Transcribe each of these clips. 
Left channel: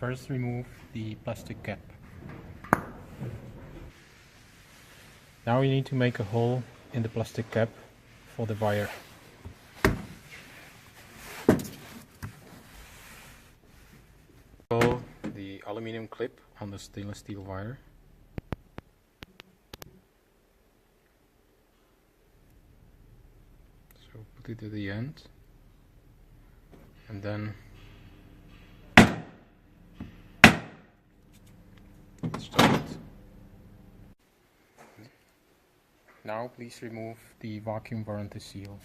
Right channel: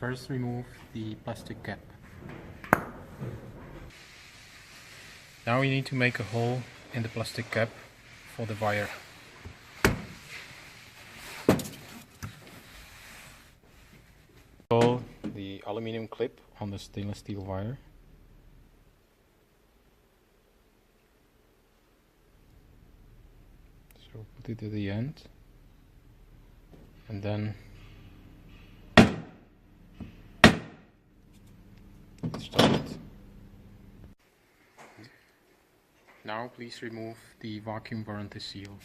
First remove the plastic cap. Now we need to make a hole in the plastic cap for the wire. Install the aluminum clip on the stainless steel wire. So put it at the end and then start it. Now please remove the vacuum warranty seal.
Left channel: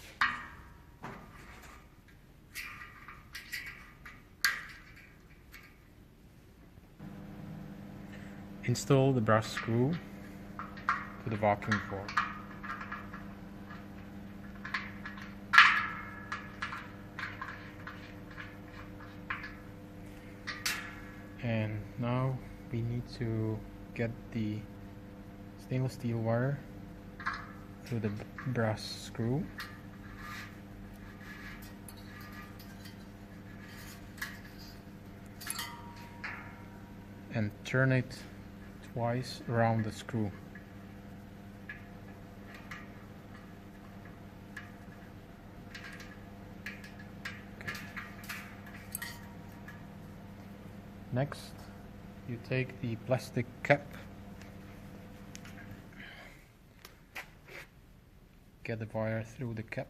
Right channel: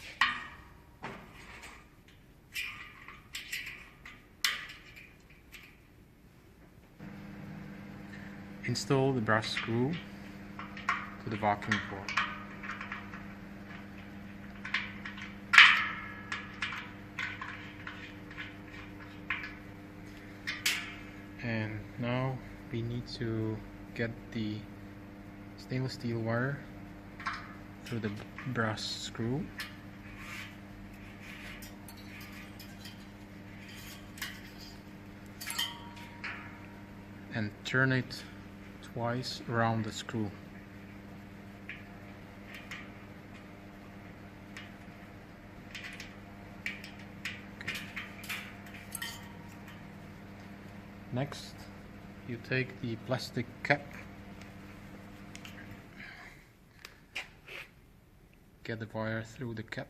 Install the brass screw to the vacuum port. And now we need to get the stainless steel wire through the brass screw. And turn it twice around the screw. Next, you take the plastic cap, get the wire through the cap,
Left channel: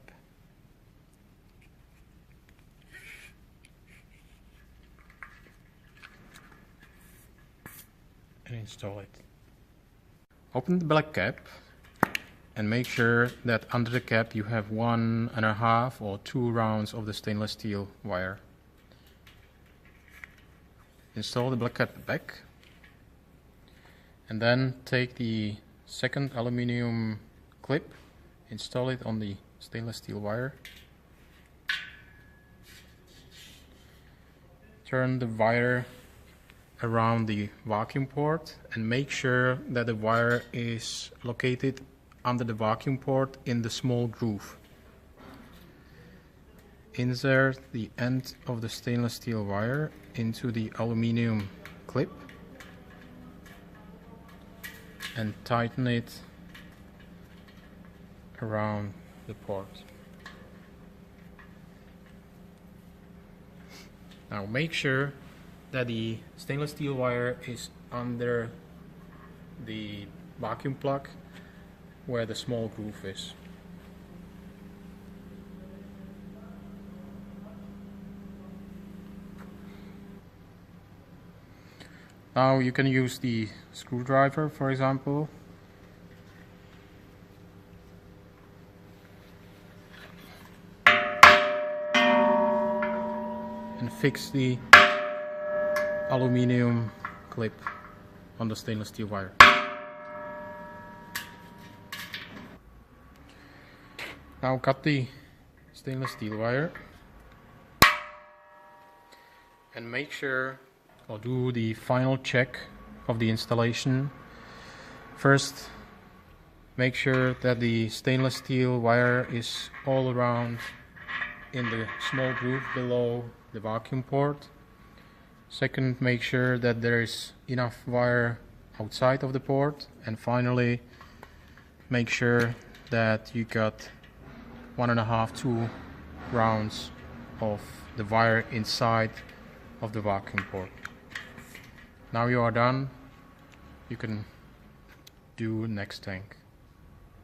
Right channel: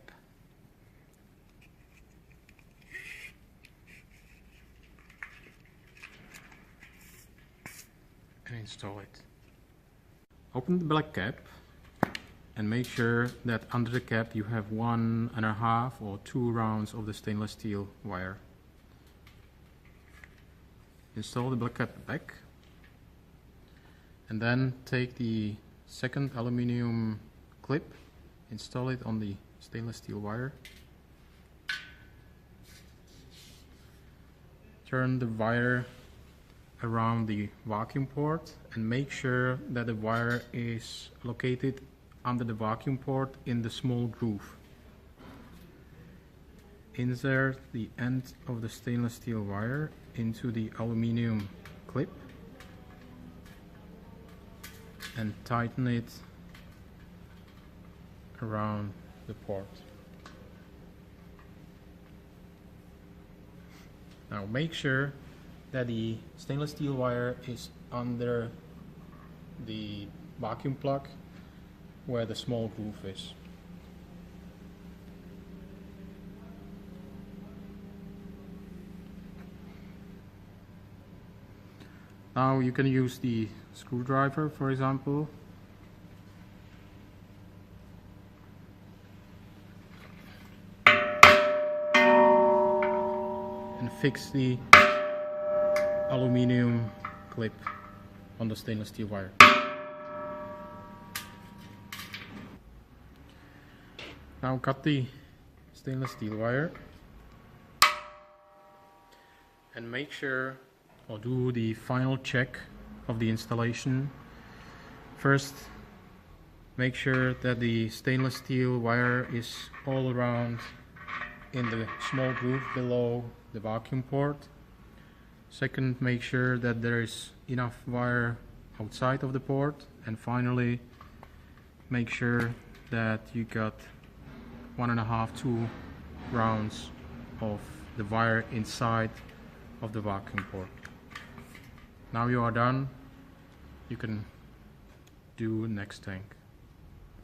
and install it. Open the black cap and make sure that under the cap you have 1.5 or 2 rounds of the stainless steel wire. Install the black cap back and then take the second aluminum clip, install it on the stainless steel wire. Turn the wire around the vacuum port and make sure that the wire is located under the vacuum port in the small groove. Insert the end of the stainless steel wire into the aluminum clip and tighten it around the port. Now make sure that the stainless steel wire is under the vacuum plug where the small groove is. Now you can use the screwdriver, for example, and fix the aluminum clip on the stainless steel wire. Now cut the stainless steel wire and make sure, or do the final check of the installation. First, make sure that the stainless steel wire is all around in the small groove below the vacuum port. Second, make sure that there is enough wire outside of the port. And finally, make sure that you got 1.5–2 rounds of the wire inside of the vacuum port. Now you are done, you can do next tank.